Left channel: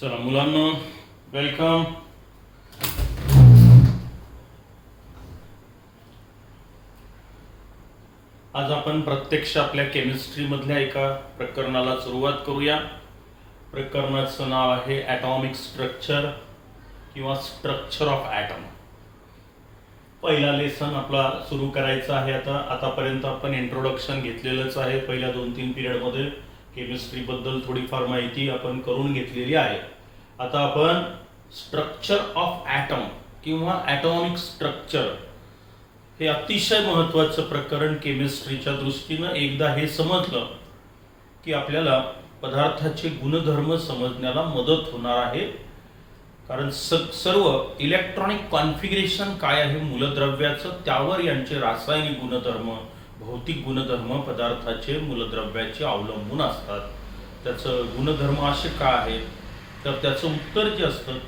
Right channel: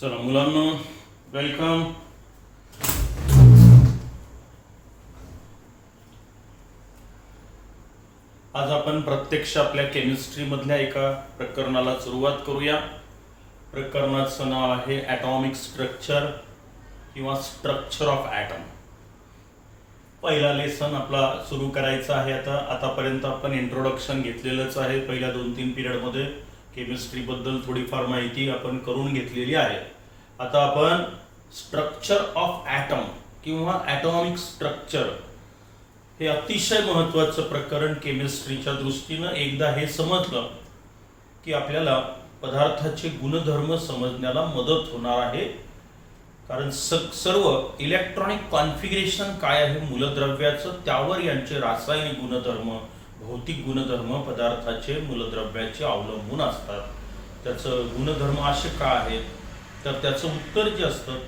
चला मुलांना वेलकम. आज आपण प्रत्यक्ष आपल्या केमिस्ट्री मधल्या एका प्रकरणाला सुरुवात करूया. प्रकरणाचं नाव आहे ॲटॉमिक स्ट्रक्चर किंवा स्ट्रक्चर ऑफ ॲटम. पहिला लेसन आपला सुरू करायचा आहे. आतापर्यंत आपण इंट्रोडक्शन घेतलेलंच आहे. पहिल्या 2-3 पिरियडमध्ये केमिस्ट्री बद्दल थोडीफार माहिती आपण करून घेतलेली आहे. आता आपण स्ट्रक्चर ऑफ ॲटम किंवा ॲटॉमिक स्ट्रक्चर हे अतिशय महत्त्वाचं प्रकरण केमिस्ट्रीच्या दृष्टीनं. एकदा हे समजलं की आपल्याला पदार्थाचे गुणधर्म समजण्याला मदत होणार आहे. कारण सर्व इलेक्ट्रॉनिक कॉन्फिगरेशन काय आहे मूलद्रव्याचं, त्यावर यांचे रासायनिक गुणधर्म, भौतिक गुणधर्म पदार्थाचे मूलद्रव्याचे अवलंबून असतात. त्याचं गुणधर्म असे का आहेत, तर त्याचं उत्तर जे असतं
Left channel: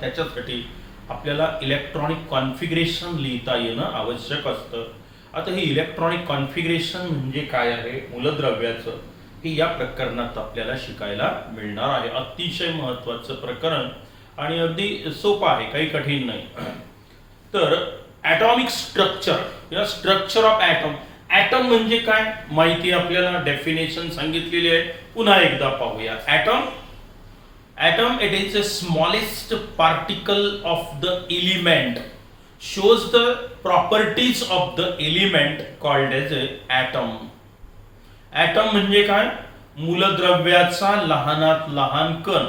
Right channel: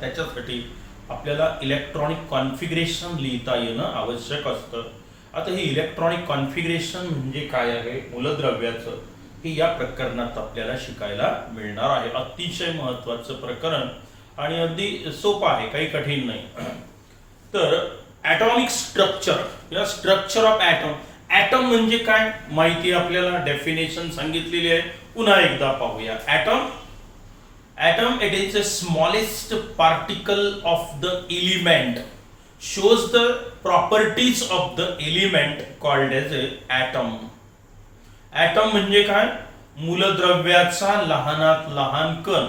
त्याच्यासाठी आपल्याला इलेक्ट्रॉनिक कॉन्फिगरेशन लिहिता येणं आवश्यक असतं. आता हे इलेक्ट्रॉनिक कॉन्फिगरेशन म्हणजे काय आहे मूलद्रव्याचं, हे या प्रकरणात आपल्याला शिकायला मिळणार आहे. अतिशय महत्त्वाचं प्रकरण आणि अगदी सोपं आहे, काही कठीण नाही. तर ॲटॉमिक स्ट्रक्चर या स्ट्रक्चर ऑफ ॲटम. ॲटम म्हणजे काय माहिती आपल्याला, डेफिनेशन सांगितलेली आहे. पुन्हा एकदा पाहूया. Atom, it is the smallest particle of the element, shows the properties of the element called as a atom. Atom म्हणजे काय, मूलद्रव्याचा लहानात लहान कण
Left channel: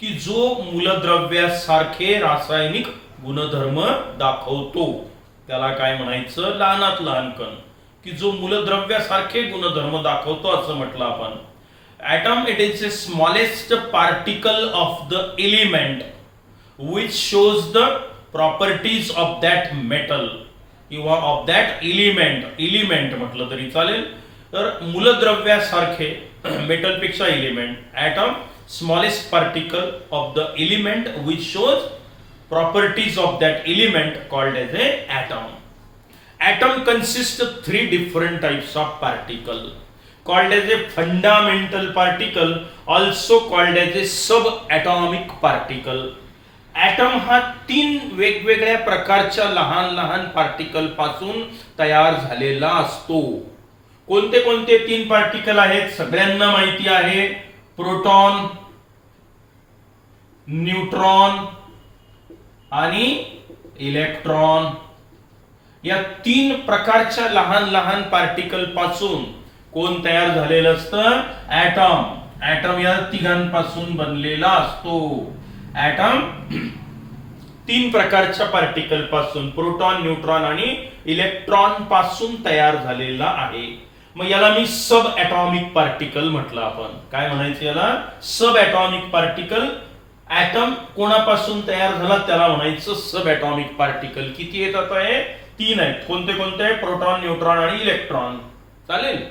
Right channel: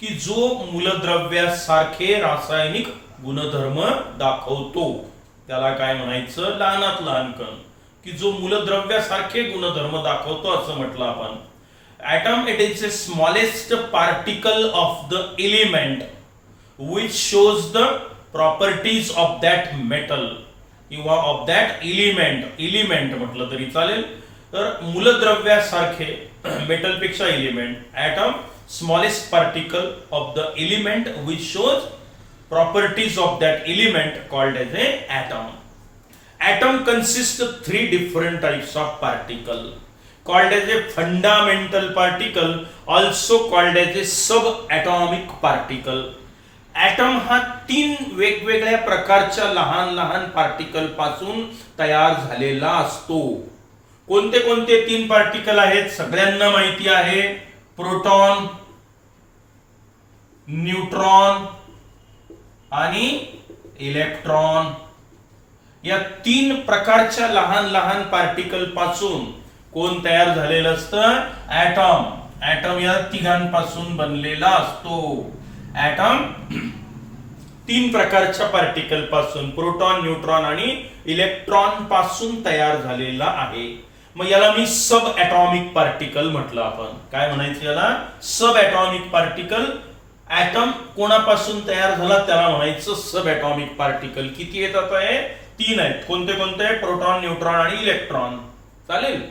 की जो मूलद्रव्यासारखे रासायनिक गुणधर्म दाखवतो, त्याला काय म्हणायचं, लहानात लहान कण की जो मूलद्रव्यासारखे गुणधर्म दाखवतो असं म्हटलं आपण. Atom, it is the smallest particle of the element which shows the properties of that metal किंवा of that element म्हटलं तरी चालेल. तर मूलद्रव्यासारखे मेटल पेक्षा element. Atom, smallest particle of the element which shows properties of that element called as a atom. Atom consists of 3 different types of particle. Called as a fundamental particle, also called as a subatomic particle. Atom हा 3 वेगवेगळ्या प्रकारच्या लहान लहान particle पासून तयार झालेला असतो. कोणते कोणते 3 पार्टिकल आहेत सगळ्यांना माहिती आहे. प्रोटॉन, न्यूट्रॉन आणि इलेक्ट्रॉन. या 3 प्रकारच्या लहान लहान पार्टिकल पासून कोण तयार झालेलं असतं, ॲटम. ॲटम या तिघांपासून बनलेला असतो. ॲटम 3 प्रकारच्या पार्टिकल पासून, प्रोटॉन, न्यूट्रॉन आणि इलेक्ट्रॉन पासून तयार झालेला आहे. मग याला मी सब ॲटॉमिक पार्टिकल म्हटलं. आपण काय म्हणायचं याला, सब ॲटॉमिक पार्टिकल. ॲटम कोणापासून तयार झाला त्याला म्हणायचं सब ॲटॉमिक पार्टिकल. किती येतात आहे, 3 आहेत. कोणते कोणते, प्रोटॉन, न्यूट्रॉन आणि इलेक्ट्रॉन. चालेल.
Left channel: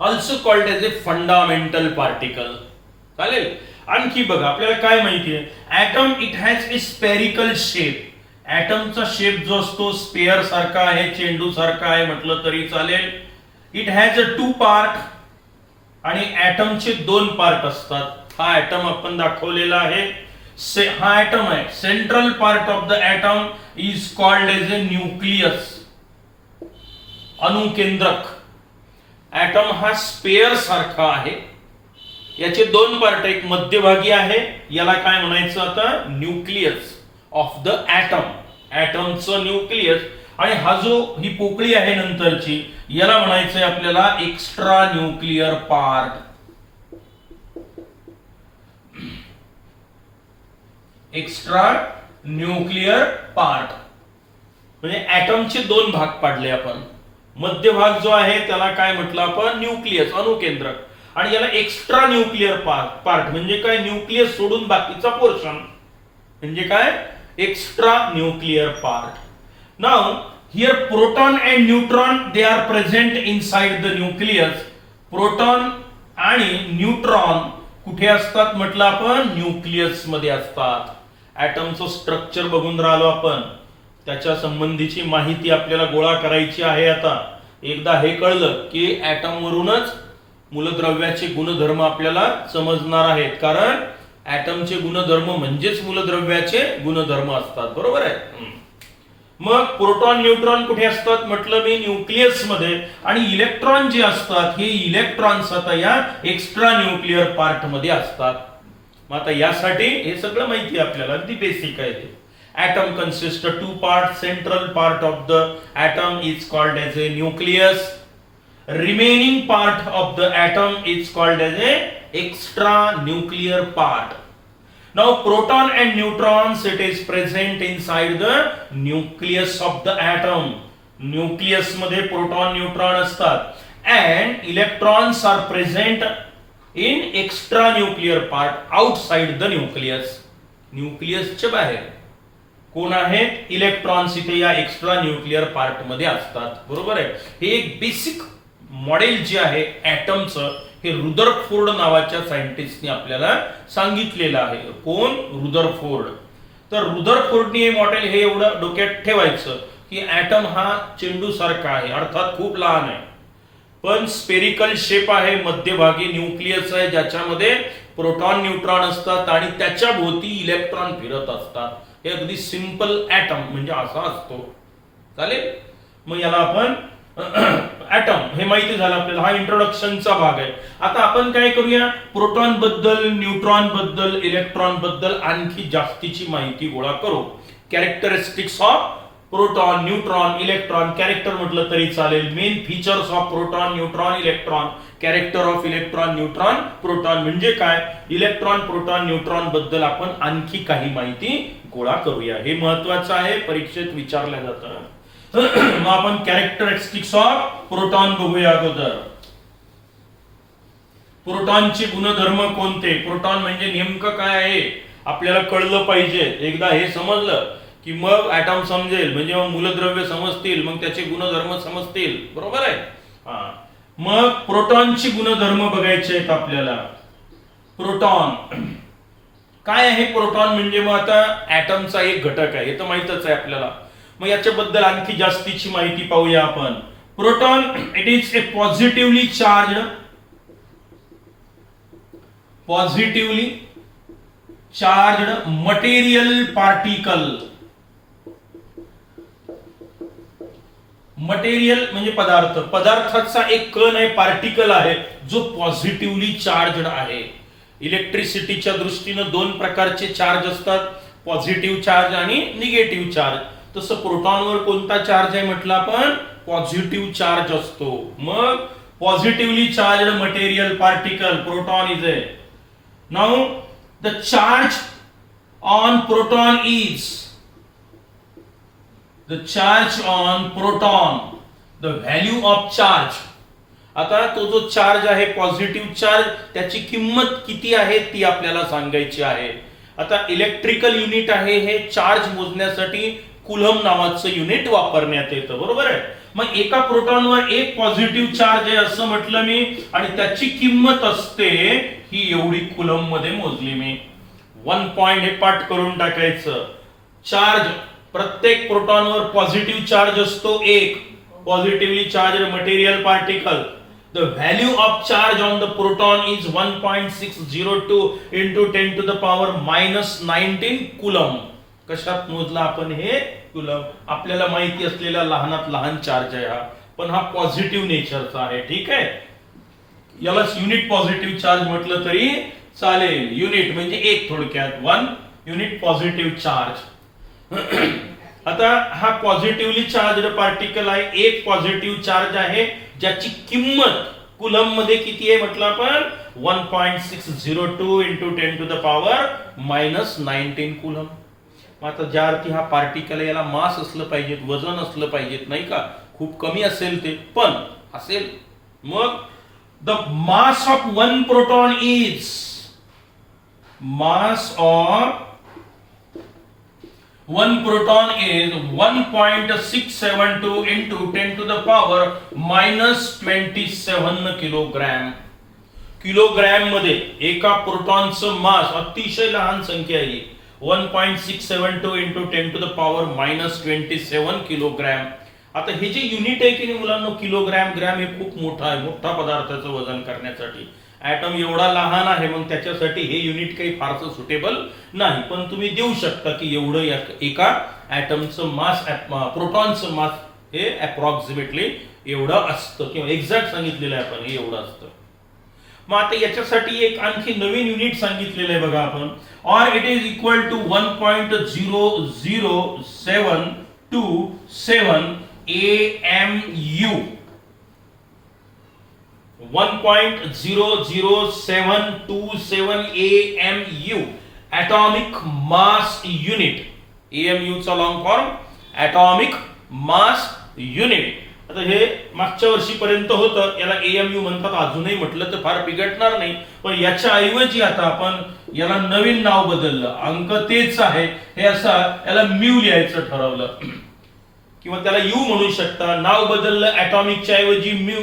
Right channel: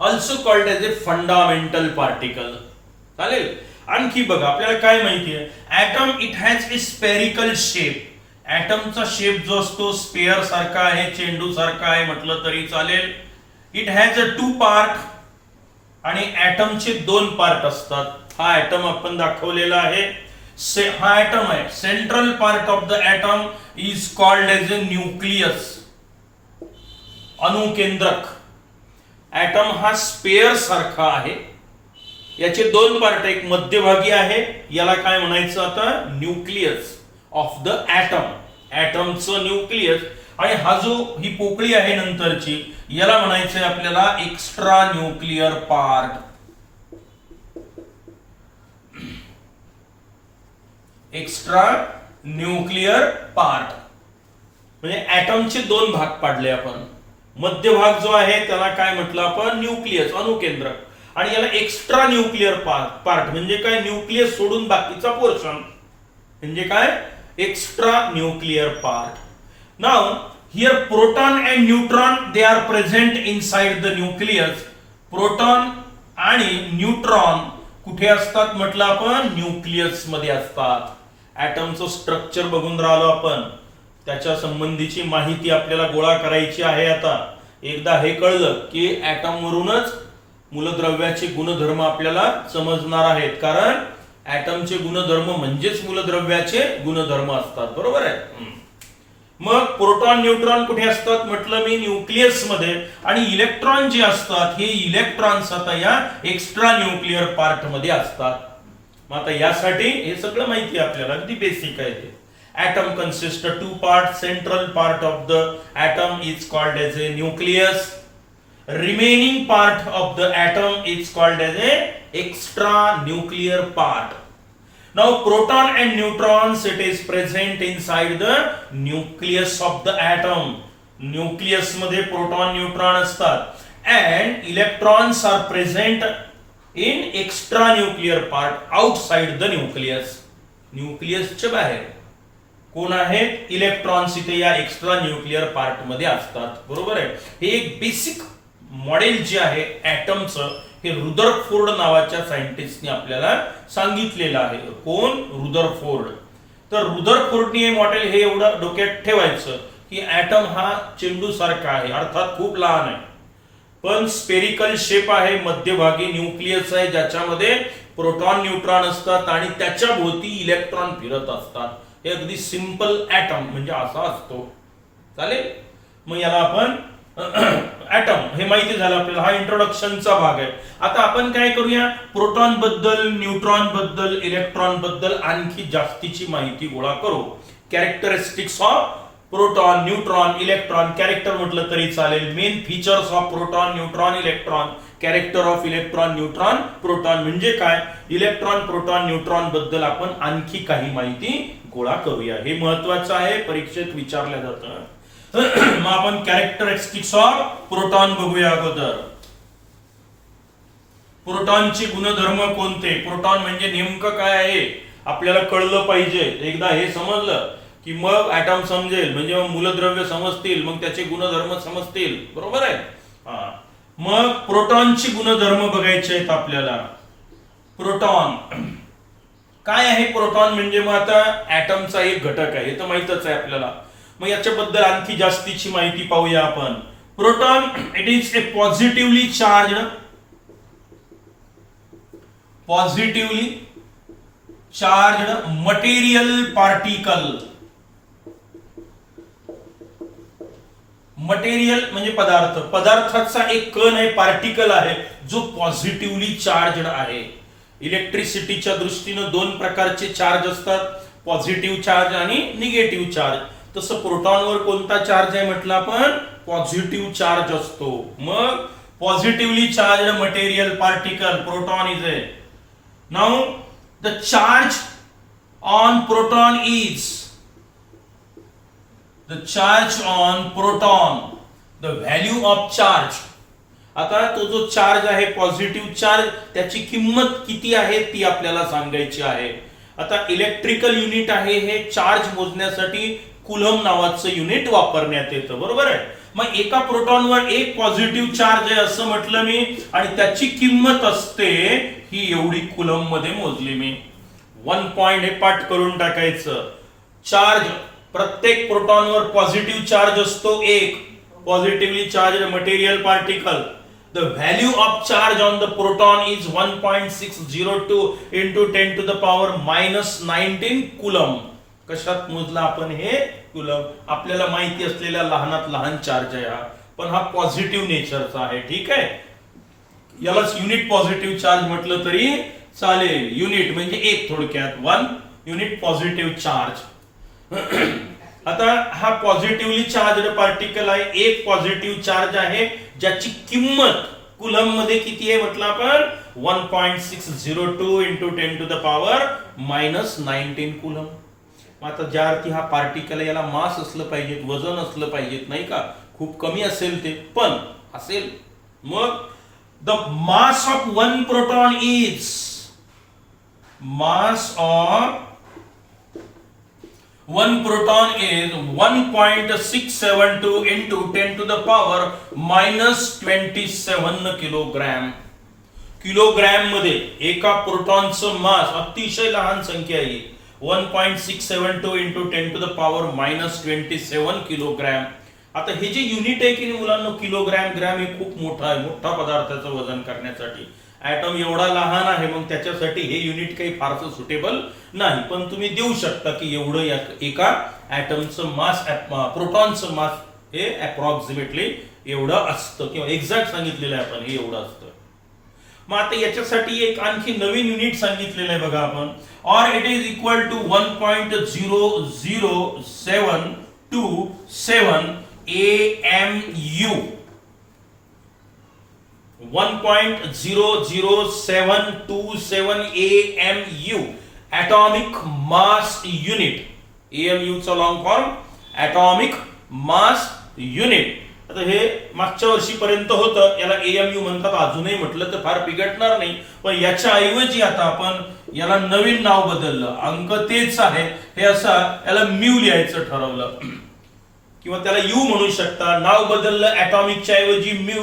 Also called as a fundamental particle. चालेल. आणखी बघा आपल्याला काय माहिती आहे, atom it has a spherical shape. ॲटमचा शेप जो असतो स्पेअर सारखा आहे, चेंडू सारखा आहे म्हटलं तरी चालेल. इट हॅज अ 2 पार्ट आणि ॲटमचे 2 पार्ट असतात. हा ॲटम आपण दाखवलेला आहे. हा ॲटम आहे. Central part of the atom is called as a nucleus, अणुकेंद्रक. ॲटम हा स्पेअर सारखा आहे. याचे 2 पार्ट, एक मध्यभागी आहे, याला काय म्हणायचं आता, न्यूक्लियस ऑफ द ॲटम. ॲटमचं न्यूक्लियस. आणि हा जो ही पोकळी आहे नंतरची, याला म्हणायचंय आपल्याला extra nuclear part. Extra nuclear part म्हणजे ॲटमचे 2 भाग पाडले आपण. मध्यभाग जो आहे त्याला काय म्हटलं आपण, न्यूक्लियस, अणुकेंद्रक. आणि याला एक्स्ट्रा न्यूक्लियर पार्ट म्हणजे काय, न्यूक्लियस सोडून बाकीचा पोर्शन म्हणजे काय, extra nuclear part. Now here proton and neutron they are present inside the nucleus. Proton आणि न्यूट्रॉन कुठे असतात म्हटलं आपण, न्यूक्लियस मध्ये असतात. ॲटमचं स्ट्रक्चर बघून राहिलो आपण, त्याच्या संबंधीची माहिती आपल्याला गोळा करायची आहे. आता एकदा हे कळलं की ॲटम वरूनच मूलद्रव्याचे गुणधर्म आपल्याला समजणार आहेत, कारण ऍटमचे गुणधर्म म्हणजेच मूलद्रव्याचे गुणधर्म असतात, बरोबर आहे. मग प्रोटॉन न्यूट्रॉन कुठे असतात म्हटलं मी, न्यूक्लियस मध्ये. आणि इलेक्ट्रॉन जे असतात हे इलेक्ट्रॉन्स आता या एक्स्ट्रा न्यूक्लिअर पार्ट मध्ये असतात. मग आता यासाठी हे सगळं माहिती आहे आपल्याला, अगदी बेसिक आहे ते. Atom consists of two parts. Central part of the atom is called as a nucleus. Remaining part of the atom is called as a extra nuclear part. Now proton and neutrons, it is present inside the nucleus of the atom. Nucleus मध्ये proton neutron असतात. And electrons are present in extra nuclear part outside the nucleus. Nucleus च्या बाहेर कोण आहेत, electrons इथे या extra nuclear part मध्ये असतात, बरोबर आहे. हे एक बेसिक मॉडेल जे आहे ऍटमचं, हे रुदरफोर्ड नावाच्या सायंटिस्टने आपल्याला सांगितलेलं आहे. कोण, रुदरफोर्ड. तर रुदरफोर्डने हे मॉडेल हे एवढं डोक्यात ठेवायचं की ऍटम हा चेंडू सारखा आहे, अर्थात खूप लहान आहे, पण स्पेरिकल शेप आहे, मध्यभागी न्यूक्लियस आहे ज्याच्यामध्ये प्रोटॉन न्यूट्रॉन असतात आणि त्याच्या भोवती इलेक्ट्रॉन फिरत असतात. हे अगदी सिंपल ऍटम म्हणजे असा असतो, चालेल. मग याला आपण ऍटम हे माहिती झालं आपल्याला, हा इंट्रोडक्शनचा भाग आहे. आता आपण काय करूया, प्रोटॉन बद्दल, न्यूट्रॉन बद्दल, इलेक्ट्रॉन बद्दल आणखी जास्तीची माहिती गोळा करू. Characteristics of proton, neutron, electron. Character म्हटलं तरी चालेल. Main features of proton, neutron, electron. Character of electron, neutron, proton म्हणजे काय, इलेक्ट्रॉन, प्रोटॉन, न्यूट्रॉन बद्दल आपण आणखी काही माहिती गोळा करूया. हे महत्वाचं आहे, परीक्षेत विचारलं जातं. मग आपण कॅरेक्टरिस्टिक्स ऑफ प्रोटॉन बघूया अगोदर. प्रोटॉनचे गुणधर्म कोणते, प्रोटॉन म्हणजे नेमकं काय आहे आपल्याला कळलं पाहिजे. एकदा हे समजलं की मग ऍटम समजेल, म्हणजे मग मूलद्रव्य समजतील, मग त्याचे गुणधर्म समजतील, बरोबर आहे. हा, मग प्रोटॉनचे गुणधर्म बघायचे आहेत आपल्याला. प्रोटॉन काय आहे, प्रोटॉन म्हणजे मग आता ऍटमचा एक घटक आहे, हे तर माहितच आहे आपल्याला. मग याच्याबद्दल आणखी जास्तीची माहिती पाहूया आपण. Proton, it is a positively charged material particle. Material म्हणजे पदार्थ, पदार्थाचा एक कण आहे, पार्टिकल आहे जो पॉझिटिव्हली चार्जड आहे. इलेक्ट्रिसिटीच्या दृष्टीने दोन प्रकारचे चार्ज असतात, पॉझिटिव्ह चार्ज आणि निगेटिव्ह चार्ज. तसं प्रोटॉनवर कोणता चार्ज आहे म्हटलं आपण, पॉझिटिव्ह चार्ज असतो. मग positively charged material particle proton is a. Now the charge on proton is, the charge on proton, the value of charge. आता तो जो चार्ज आहे पॉझिटिव्ह चार्ज, त्याची किंमत किती आहे ती आपल्याला सांगायची आहे. आता इलेक्ट्रिकल युनिट आहे हे चार्ज मोजण्यासाठी कुलम नावाचं युनिट वापरण्यात येतं, बरोबर आहे. मग एका प्रोटॉनवर एक पॉझिटिव्ह चार्ज आहे असं म्हटलं मी, आणि त्याची किंमत असते ही एवढी कुलम मध्ये मोजली मी. 1 पॉइंट हे पाठ करून टाकायचं. चार्ज, प्रत्येक प्रोटॉनवर पॉझिटिव्ह चार्ज असतो एक, positively charge material particle. The value of charge on the proton is 1.602 into 10 to the power minus 19 coulomb. कशात मोजला आपण हे, कुलम. आपल्याला माहिती असलेला लहानात लहान चार्ज आहे हा, पण हा पॉझिटिव्ह नेचरचा आहे, ठीक आहे. याला युनिट पॉझिटिव्ह चार्ज म्हटलं तरी चालेल. युनिट म्हणजे एक, थोडक्यात 1 युनिट पॉझिटिव्ह चार्ज. आता हा पॉझिटिव्हली चार्जड पार्टिकल आहे, एक पॉझिटिव्ह चार्ज आहे ज्याची किंमत कुलम मध्ये किती आहे म्हटलं आपण, 1.602 into 10 to the power minus 19 coulomb. आता ज्या अर्थी हा पार्टिकल आहे याला मास असलं पाहिजे, वजन असलं पाहिजे, नाही का, खूप कमी असेल ते, पण असेल. मग the mass of one proton is, mass of one proton is 1.672 into 10 to the power minus 27 kilogram. Kilogram मध्ये एका प्रोटॉनचं मास, अतिशय लहान संख्या आहे, 1.672 into 10 to the power minus 27 kilogram. आता हे जे युनिट आहे की नाही मुलांना, किलोग्रॅम, ग्रॅम, हे खूप मोठं आहे, मोठा पदार्थाचं वजन करण्यासाठी. ॲटम एवढा लहान आहे, मग त्याच्यासाठी हे युनिट काही फारसं सुटेबल नाही. पण तुम्ही देऊ शकता की एवढं एका ॲटमचं मास, प्रोटॉनचं मास हे अप्रॉक्सिमेटली एवढं असतं, किंवा एक्झॅक्ट सांगितलेलं आहे आपण, हे एवढं असतं. मग आता याच्यासाठी एक आणखी नवीन युनिट सांगितलेलं आहे बघा आपण. Or it is equal to 1.00727 AMU. 1.00727 AMU atomic mass unit. AMU चा long form atomic mass unit. आता हे मागच्या वर्षीपर्यंत होतं, याला AMU म्हणतात. अजूनही म्हटलं तर फार बिघडणार नाही, पण याच्या ऐवजी आता आपण याला नवीन नाव बदललं. अंक तेच आहे, हे असं याला म्यू लिहायचं ठरवलं, किंवा त्याला यू म्हणू शकता. नाव बदललं, ॲटॉमिकच्या ऐवजी म्यू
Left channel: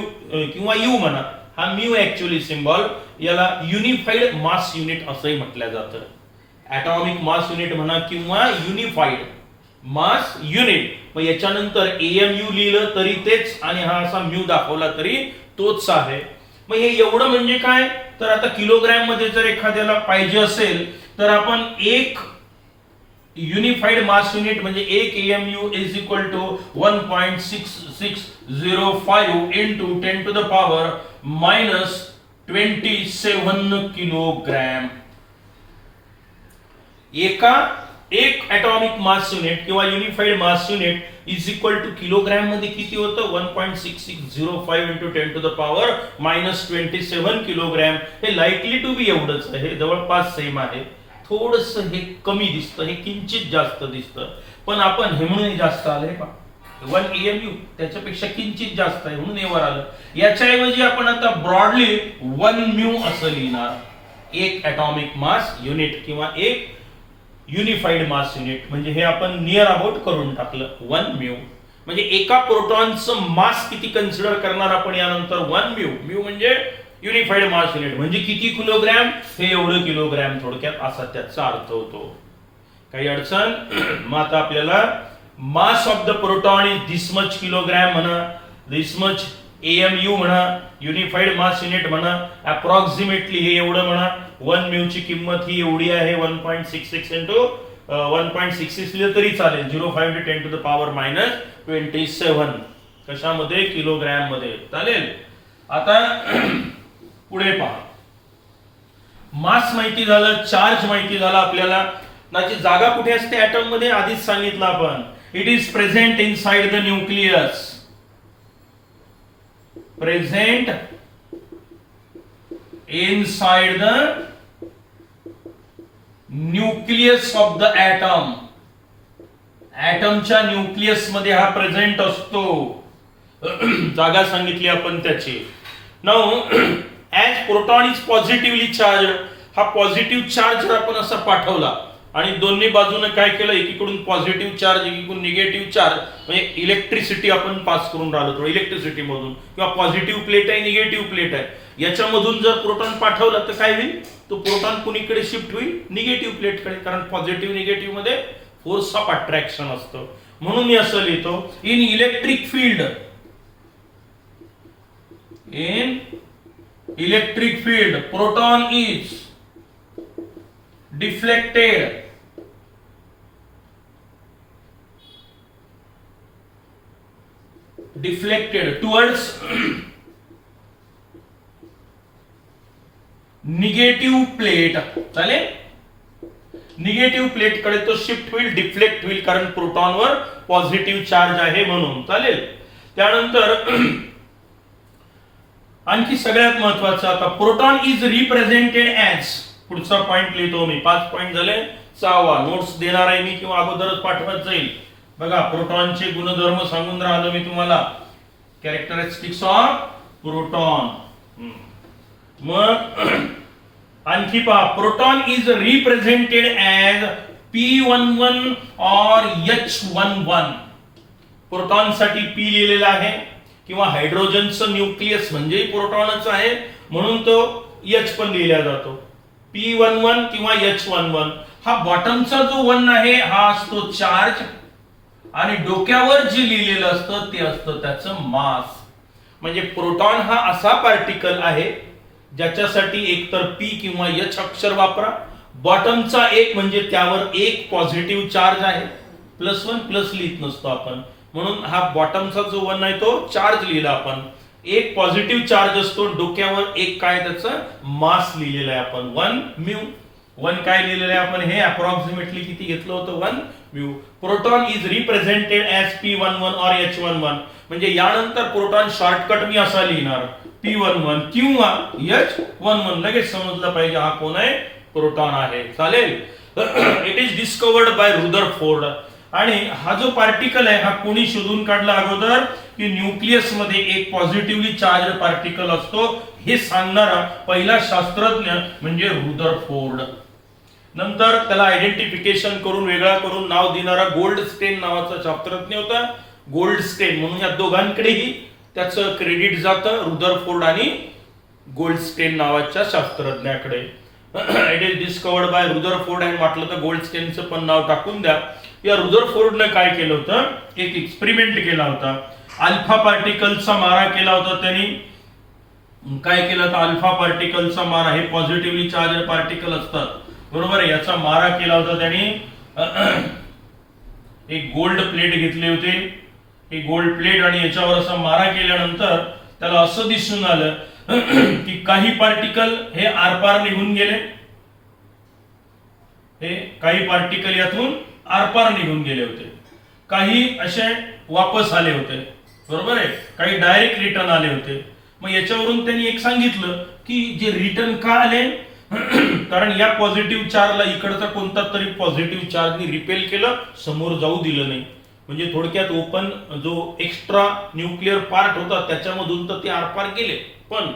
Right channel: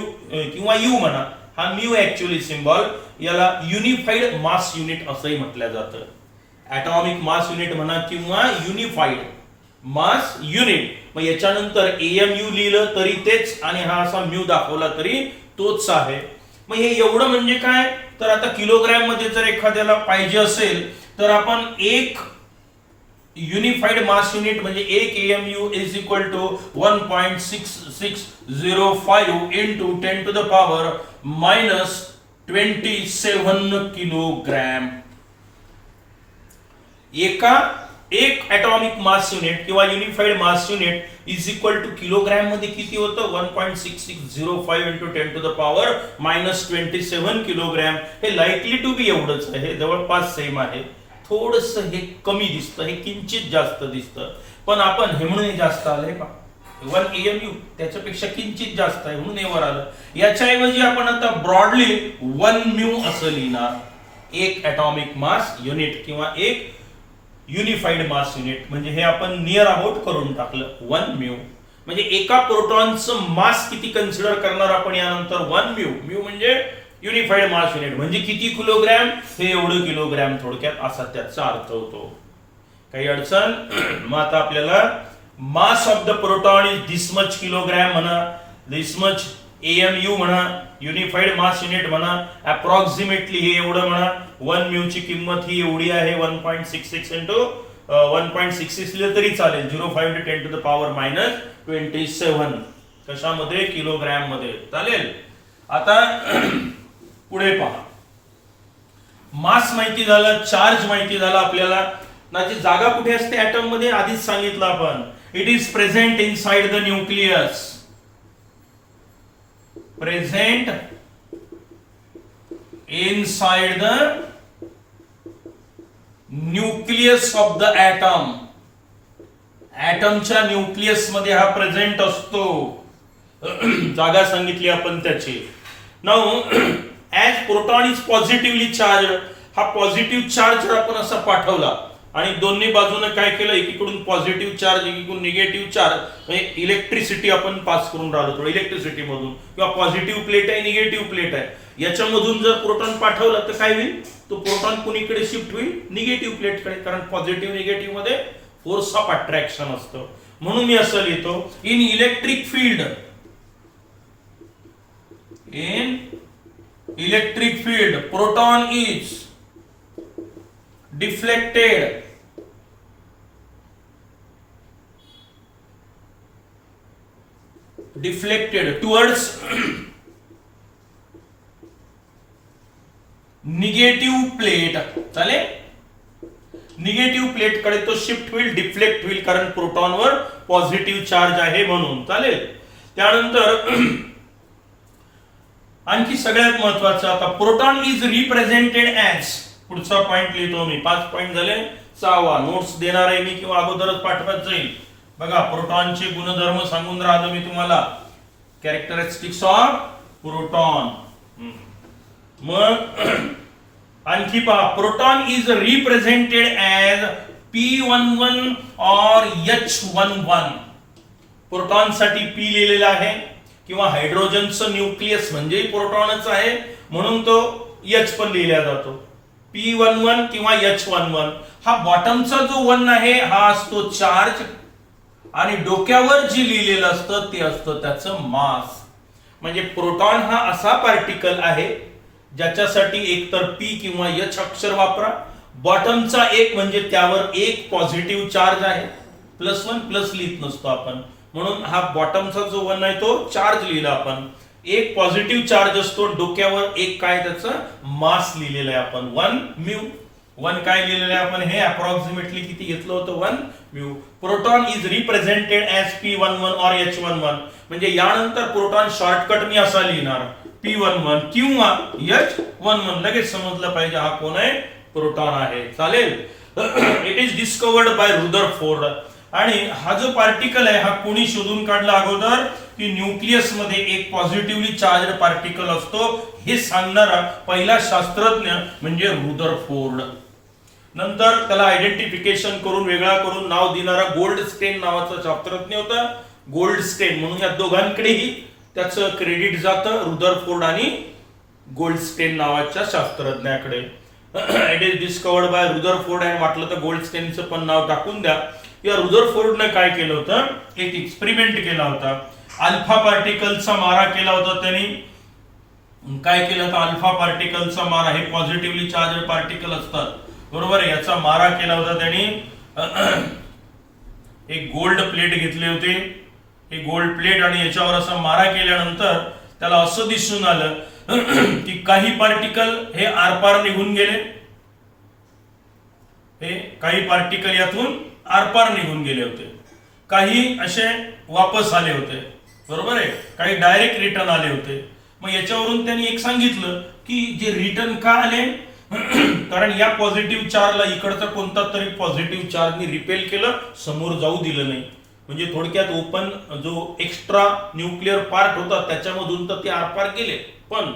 किंवा यू म्हणा. हा म्यू ऍक्च्युअली सिम्बॉल, याला युनिफाईड मास युनिट असंही म्हटलं जातं. ॲटॉमिक मास युनिट म्हणा किंवा युनिफाईड मास युनिट. मग याच्यानंतर AMU लिहिलं तरी तेच, आणि हा असा म्यू दाखवला तरी तोच आहे. मग हे एवढं म्हणजे काय, तर आता किलोग्रॅम मध्ये जर एखाद्याला पाहिजे असेल तर आपण एक युनिफाईड मास युनिट म्हणजे एक AMU is equal to 1.6605 into 10⁻⁻27 kilogram. एक ॲटॉमिक मास युनिट किंवा unified mass unit is equal to kilogram मध्ये किती होतं, 1.6605 इंटू 10⁻⁻27 किलोग्रॅम. हे लाईकली टू बी एवढंच आहे, जवळपास सेम आहे. थोडस हे कमी दिसतं, हे किंचित जास्त दिसतं, पण आपण हे म्हणून जास्त आलंय का, 1 AMU त्याच्यापेक्षा किंचित जास्त आहे म्हणून हे वर आलं. याच्याऐवजी आपण आता ब्रॉडली 1 म्यू असं लिहिणार. एक ॲटॉमिक मास युनिट किंवा एक युनिफाईड मास युनिट, म्हणजे हे आपण नियर अबाउट करून टाकलं 1 म्यू. म्हणजे एका प्रोटॉनचं मास किती कन्सिडर करणार आपण यानंतर, 1 म्यू. म्यू म्हणजे युनिफाईड मास युनिट, म्हणजे किती किलोग्रॅम, हे एवढं किलोग्रॅम थोडक्यात, असा त्याचा अर्थ होतो. काही अडचण. मग आता आपल्याला मास of the proton is this much kilogram म्हणा, दिस मच AMU म्हणा, युनिफाईड मास युनिट म्हणा, अप्रॉक्सिमेटली हे एवढं म्हणा. 1 म्यू ची किंमत ही एवढी आहे, 1.66 इंटू 1.66 लिहिलं तरी चालेल, 0.5 इंटू 10⁻⁻27. कशामध्ये, किलोग्रॅम मध्ये, चालेल. आता पुढे पहा, मास माहिती झालं, चार्ज माहिती झाला आपल्याला. त्याची जागा कुठे असते ऍटम मध्ये, आधीच सांगितलं आपण. It is present inside the nucleus. Present inside the nucleus of the atom. ऍटमच्या न्यूक्लियस मध्ये हा प्रेझेंट असतो. जागा सांगितली आपण त्याची. Now as proton is positively charge, हा पॉझिटिव्ह चार्ज जर आपण असा पाठवला आणि दोन्ही बाजूने काय केलं, एकीकडून पॉझिटिव्ह चार्ज एकीकडून निगेटिव्ह चार्ज, म्हणजे इलेक्ट्रिसिटी आपण पास करून राहिलो थोडं इलेक्ट्रिसिटी मधून, किंवा पॉझिटिव्ह प्लेट आहे निगेटिव्ह प्लेट आहे, याच्यामधून जर प्रोटॉन पाठवला तर काय होईल, तो प्रोटॉन कुणीकडे शिफ्ट होईल, निगेटिव्ह प्लेटकडे. कारण पॉझिटिव्ह निगेटिव्ह मध्ये फोर्स ऑफ अट्रॅक्शन असतं. म्हणून मी असं लिहितो, in electric field, in electric field proton is deflected towards negative plate. चालेल, निगेटिव्ह प्लेट कडे तो शिफ्ट होईल, डिफ्लेक्ट होईल, कारण प्रोटॉनवर पॉझिटिव्ह चार्ज आहे म्हणून. चालेल. त्यानंतर आणखी सगळ्यात महत्वाचं, आता प्रोटॉन इज रिप्रेझेंटेड ऍज, पुढचा पॉइंट लिहितो मी. 5 पॉइंट झाले. 6वा नोट्स देणार आहे मी किंवा अगोदरच पाठवत जाईल. बघा, प्रोटॉनचे गुणधर्म सांगून राहिलो मी तुम्हाला, कॅरेक्टरिस्टिक्स ऑफ प्रोटॉन. मग आणखी पहा, proton is represented as P11 और H11. प्रोटॉन साठी P लिहिलेला आहे, किंवा हायड्रोजनचं न्यूक्लियस म्हणजे प्रोटॉनच आहे म्हणून तो H पण लिहिला जातो. P11 किंवा H11. हा बॉटमचा जो 1 आहे हा असतो चार्ज, आणि डोक्यावर जे लिहिलेलं असतं ते असतं त्याचं मास. म्हणजे प्रोटॉन हा असा पार्टिकल आहे ज्याच्यासाठी एकतर पी किंवा एच अक्षर वापरा. बॉटमचा एक म्हणजे त्यावर एक पॉझिटिव्ह चार्ज आहे, +1 प्लस लिहित नसतो आपण, म्हणून हा बॉटमचा जो 1 आहे तो चार्ज लिहिला आपण. एक पॉझिटिव्ह चार्ज असतो, डोक्यावर एक काय त्याचं मास लिहिलेलं आहे आपण 1 म्यू. 1 काय लिहिलेलं आहे आपण, हे अप्रॉक्सिमेटली किती घेतलं होतं 1 mu. Proton is represented as P11 और H11. म्हणजे यानंतर प्रोटॉन शॉर्टकट मी असा लिहिणार P11 किंवा H11. लगेच समजलं पाहिजे हा कोण आहे, प्रोटॉन आहे. चालेल. It is discovered by Rutherford. आणि हा जो पार्टिकल आहे हा कोणी शोधून काढला अगोदर, की न्यूक्लियस मध्ये एक पॉझिटिव्हली चार्ज पार्टिकल असतो हे सांगणारा पहिला शास्त्रज्ञ म्हणजे रुदरफोर्ड. नंतर त्याला आयडेंटिफिकेशन करून वेगळा करून नाव देणारा गोल्डस्टेन नावाचा शास्त्रज्ञ होता. गोल्डस्टेन म्हणून या दोघांकडेही त्याचं क्रेडिट जातं, रुदरफोर्ड आणि गोल्डस्टेन नावाच्या शास्त्रज्ञाकडे. It is discovered by Rutherford. आणि म्हटलं तर गोल्डस्टेनचं पण नाव टाकून द्या. या रुदरफोर्डने काय केलं होतं, एक एक्सपेरिमेंट केला होता. अल्फा पार्टिकलचा मारा केला होता त्यांनी. काय केलं होतं, अल्फा पार्टिकलचा मारा, हे पॉझिटिव्हली चार्ज पार्टिकल असतात, बरोबर आहे, याचा मारा केला होता त्यांनी. एक गोल्ड प्लेट घेतले होते, हे गोल्ड प्लेट, आणि याच्यावर असा मारा केल्यानंतर त्याला असं दिसून आलं की काही पार्टिकल हे आरपार निघून गेले, हे काही पार्टिकल यातून आरपार निघून गेले होते, काही असे वापस आले होते, बरोबर आहे, काही डायरेक्ट रिटर्न आले होते. मग याच्यावरून त्यांनी एक सांगितलं की जे रिटर्न का आले, कारण या पॉझिटिव्ह चार्जला इकडचा कोणता तरी पॉझिटिव्ह चार्जने रिपेल केलं, समोर जाऊ दिलं नाही. म्हणजे थोडक्यात ओपन जो एक्स्ट्रा न्यूक्लिअर पार्ट होता त्याच्यामधून तर ते आरपार गेले, पण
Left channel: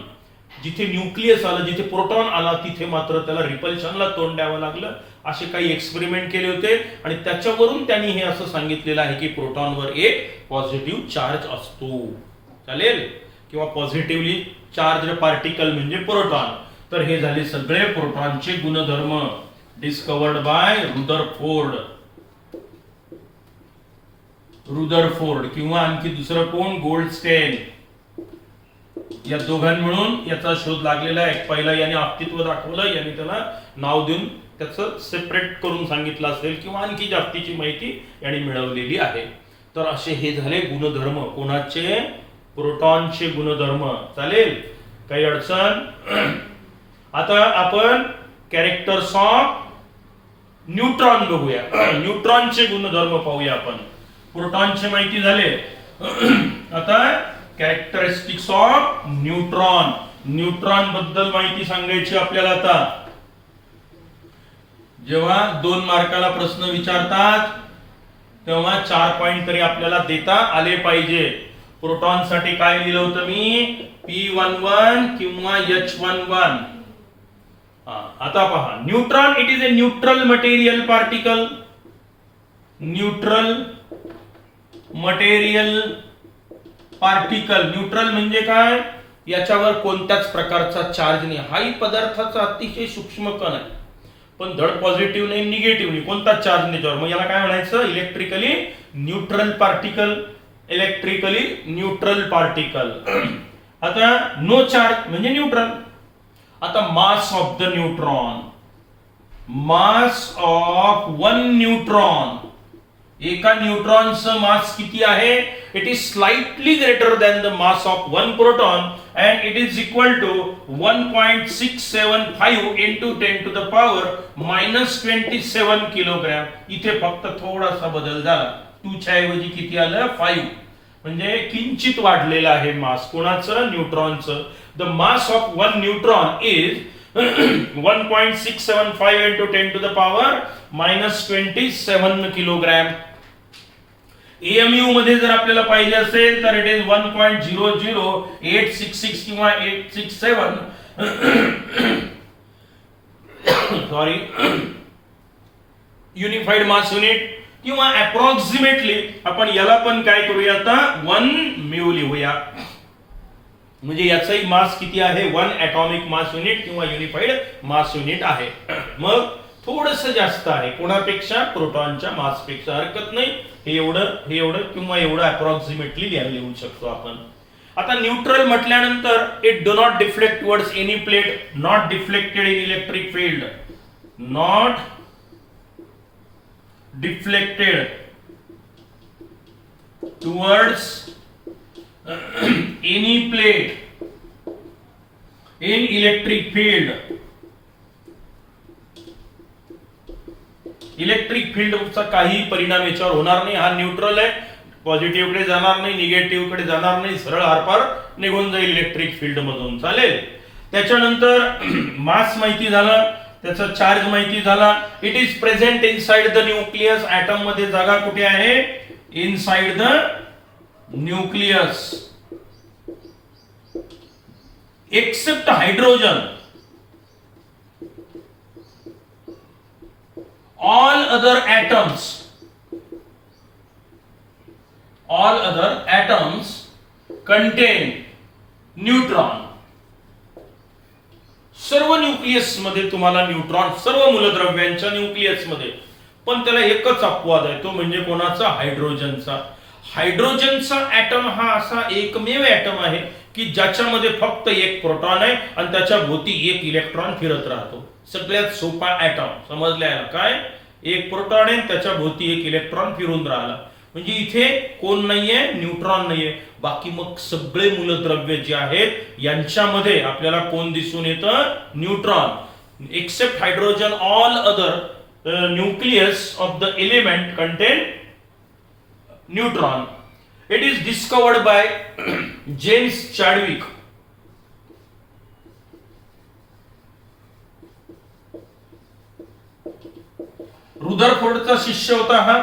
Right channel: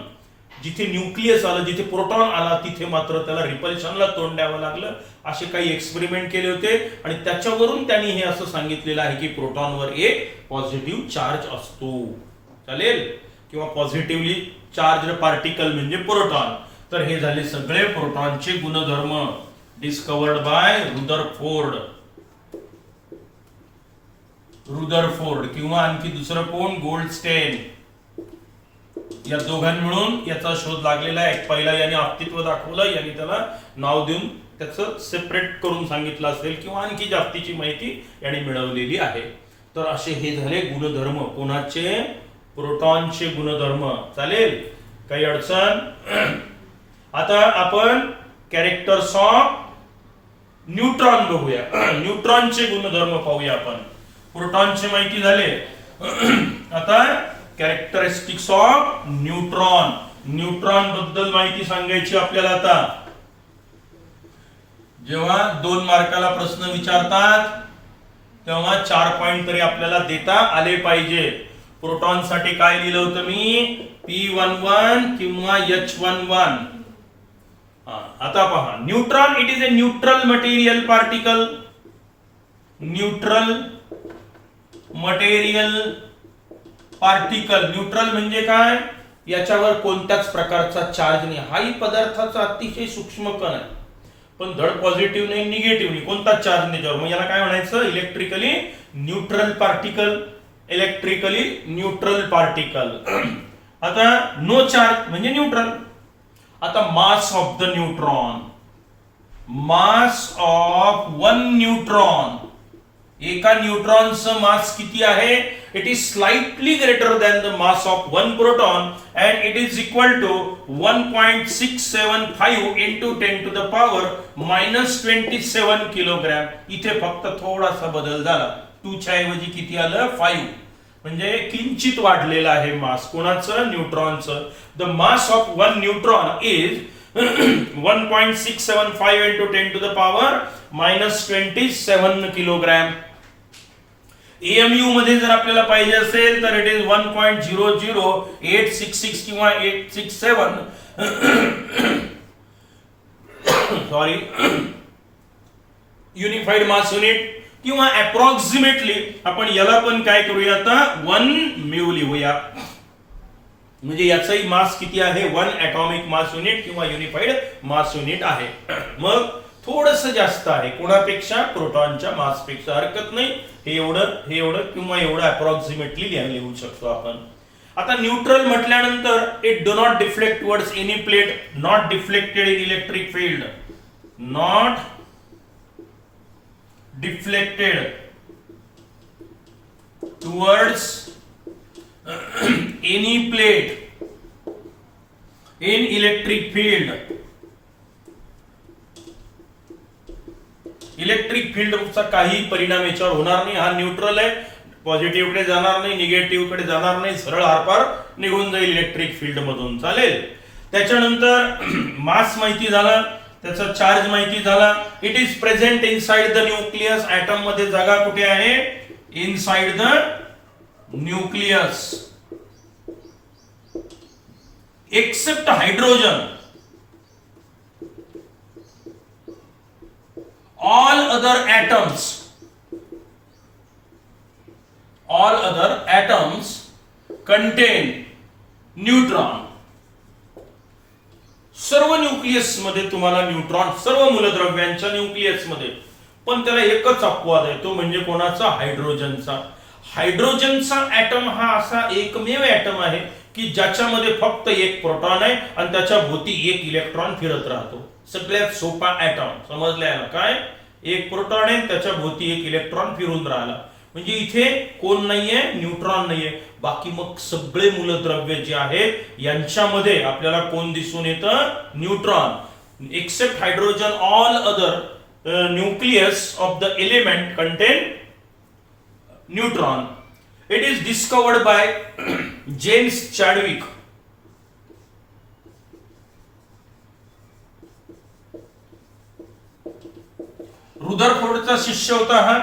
जिथे न्यूक्लियस आलं, जिथे प्रोटॉन आला, तिथे मात्र त्याला रिपल्शनला तोंड द्यावं लागलं. असे काही एक्सपेरिमेंट केले होते आणि त्याच्यावरून त्यांनी हे असं सांगितलेलं आहे की प्रोटॉनवर एक पॉझिटिव्ह चार्ज असतो. चालेल. किंवा पॉझिटिव्हली चार्ज पार्टिकल म्हणजे प्रोटॉन. तर हे झाले सगळे प्रोटॉनचे गुणधर्म, डिस्कवर्ड बाय रुदरफोर्ड. रुदरफोर्ड किंवा आणखी दुसरं कोण, गोल्डस्टेन. या दोघांनी मिळून याचा शोध लागलेला आहे. पहिला याने अस्तित्व दाखवलं, याने त्याला नाव देऊन त्याचं सेपरेट करून सांगितलं असेल किंवा आणखी जास्तीची माहिती याने मिळवलेली आहे. तर असे हे झाले गुणधर्म कोणाचे, प्रोटॉनचे गुणधर्म. चालेल, काही अडचण. आता आपण कॅरेक्टर्स ऑफ न्यूट्रॉन बघूया. न्यूट्रॉनचे गुणधर्म पाहूया आपण. प्रोटॉनचे माहिती झाले, आता कॅरेक्टरिस्टिक्स ऑफ न्यूट्रॉन. न्यूट्रॉन बद्दल माहिती सांगायची आपल्याला. आता जेव्हा 2 मार्काला प्रश्न विचारतात तेव्हा 4 पॉइंट तरी आपल्याला देता आले पाहिजे. प्रोटॉन साठी काय लिहिलं होतं मी, P11 किंवा H11. आता पहा, neutron it is a neutral material particle. Neutral material particle. Neutral म्हणजे काय, याच्यावर कोणत्याच प्रकारचा चार्ज नाही. हाही पदार्थाचा अतिशय सूक्ष्म कण आहे, पण धड पॉझिटिव्ह नाही निगेटिव्ह नाही, कोणताच चार्ज नाही त्यावर. मग याला काय म्हणायचं, electrically neutral particle. Electrically neutral particle. आता नो चार्ज म्हणजे न्यूट्रल. आता mass of the neutron, mass of 1 neutron, एका न्यूट्रॉनचं मास किती आहे, it is slightly greater than the mass of 1 proton and it is equal to 1.675 into 10 to the power -27 kilogram. इथे फक्त थोडासा बदल झाला, 2 च्या ऐवजी किती आलं, 5. म्हणजे किंचित वाढलेलं आहे मास. कोणाचं, न्यूट्रॉनचं. The mass of 1 neutron is 1.675 into 10 to the power -27 kilogram. AMU मध्ये जर आपल्याला पाहिजे असेल तर इट इज 1.00866 किंवा 867 सॉरी युनिफाईड मास युनिट. किंवा अप्रॉक्सिमेटली आपण याला पण काय करूया, आता 1 म्यू लिहूया. म्हणजे याचाही मास किती आहे, 1 ॲटॉमिक मास युनिट किंवा युनिफाईड मास युनिट आहे. मग थोडंसं जास्त आहे कोणापेक्षा, प्रोटॉनच्या मासपेक्षा. हरकत नाही, हे एवढं किंवा एवढं अप्रॉक्सिमेटली लिहू शकतो आपण. आता न्यूट्रल म्हटल्यानंतर it do not deflect towards any plate, not deflected in electric field, not deflected towards any plate in electric field. Electric फील्डचा काही परिणाम याच्यावर होणार नाही. हा न्यूट्रल आहे, पॉझिटिव्ह कडे जाणार नाही, निगेटिव्ह कडे जाणार नाही, सरळ आरपार निघून जाईल इलेक्ट्रिक फील्ड मधून. चालेल. त्याच्यानंतर मास माहिती झाला, त्याचा चार्ज माहिती झाला. It is present inside the nucleus. Atom मध्ये जागा कुठे आहे? Inside the nucleus. Except hydrogen, all other atoms contain neutron. सर्व न्यूक्लियस मध्ये तुम्हाला न्यूट्रॉन, सर्व मूलद्रव्यांच्या न्यूक्लियस मध्ये. पण त्याला एकच अपवाद आहे, तो म्हणजे कोणाचा? हायड्रोजनचा. हायड्रोजनचा ऍटम हा असा एकमेव ऍटम आहे की ज्याच्यामध्ये फक्त एक प्रोटॉन आहे आणि त्याच्या भोवती एक इलेक्ट्रॉन फिरत राहतो. सगळ्यात सोपा ऍटम समजलाय ना? काय? एक प्रोटॉन आहे, त्याच्या भोवती एक इलेक्ट्रॉन फिरून राहिला. म्हणजे इथे कोण नाहीये? न्यूट्रॉन नाहीये. बाकी मग सगळे मूलद्रव्य जे आहेत यांच्यामध्ये आपल्याला कोण दिसून येतं? Neutron. Except hydrogen, all other nucleus of the element contain neutron. It is discovered by James Chadwick. रुदरफोर्डचा शिष्य होता हा.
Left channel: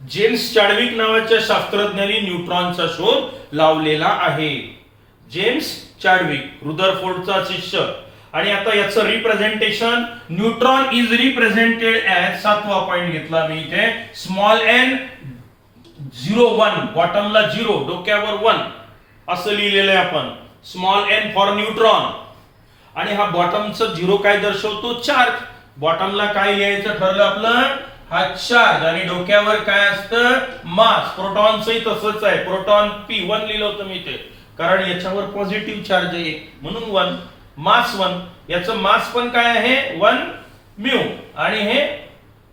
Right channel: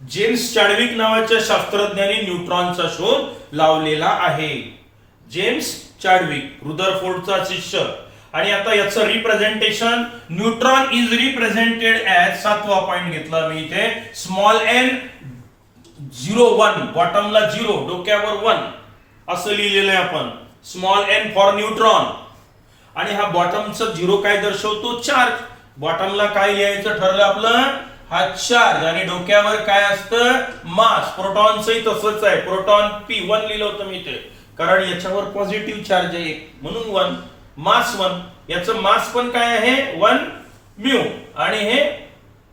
जेम्स चॅडविक नावाच्या शास्त्रज्ञांनी न्यूट्रॉनचा शोध लावलेला आहे. जेम्स चॅडविक, रुदरफोर्डचा शिष्य. आणि आता याचं representation, neutron is represented as, 7वा पॉइंट घेतला मी इथे, स्मॉल एन 0 1, बॉटमला 0, डोक्यावर 1 असं लिहिलेलं आहे आपण. Small n for neutron. आणि हा बॉटमचा 0 काय दर्शवतो? चार्ज. बॉटमला काय लिहायचं ठरलं आपलं? हा चार्ज. आणि डोक्यावर काय असतं? मास. प्रोटॉनचंही तसंच आहे, प्रोटॉन P1 लिहिलं होतं मी ते, कारण याच्यावर पॉझिटिव्ह चार्ज आहे म्हणून 1, मास 1. याचं मास पण काय आहे? 1 म्यू. आणि हे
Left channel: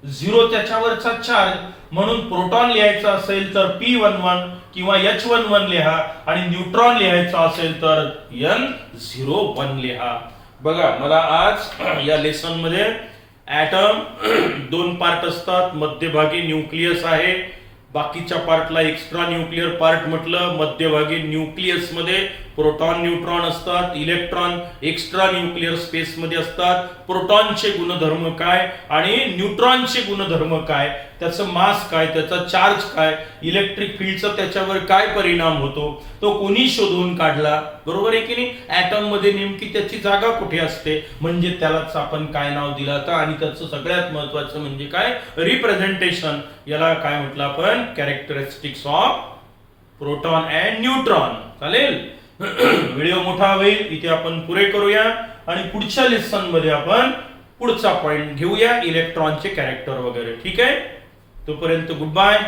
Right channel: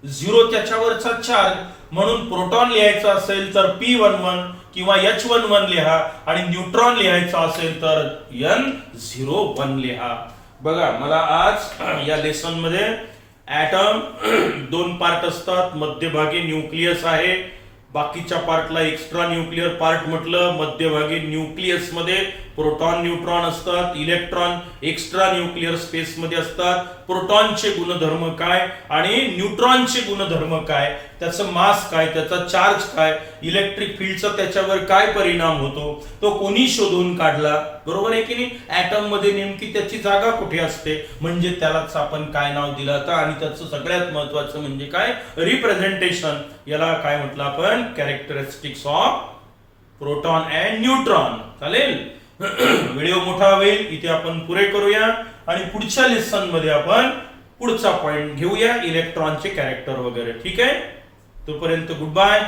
0 त्याच्यावरचा चार्ज. म्हणून प्रोटॉन लिहायचा असेल तर P11 किंवा H11 लिहा, आणि न्यूट्रॉन लिहायचा असेल तर N01 लिहा. बघा, मला आज या लेसन मध्ये ऍटम 2 पार्ट असतात. मध्यभागी न्यूक्लियस आहे, बाकीच्या पार्टला एक्स्ट्रा न्यूक्लियर पार्ट म्हटलं. मध्यभागी न्यूक्लियस मध्ये प्रोटॉन न्यूट्रॉन असतात, इलेक्ट्रॉन एक्स्ट्रा न्यूक्लियर स्पेस मध्ये असतात. प्रोटॉनचे गुणधर्म काय आणि न्यूट्रॉनचे गुणधर्म काय, त्याचं मास काय, त्याचा चार्ज काय, इलेक्ट्रिक फील्डचा त्याच्यावर काय परिणाम होतो, तो कोणी शोधून काढला? बरोबर आहे की नाही? ऍटम मध्ये नेमकी त्याची जागा कुठे असते, म्हणजे त्यालाच आपण काय नाव दिलं आता. आणि त्याचं सगळ्यात महत्वाचं म्हणजे काय? रिप्रेझेंटेशन. याला काय म्हटलं आपण? Characteristics of proton and neutron. चालेल. व्हिडिओ मोठा होईल, इथे आपण पुरे करूया आणि पुढच्या लेसन मध्ये आपण पुढचा पॉइंट घेऊया, इलेक्ट्रॉनचे कॅरेक्टर वगैरे. ठीक आहे? तोपर्यंत गुड बाय.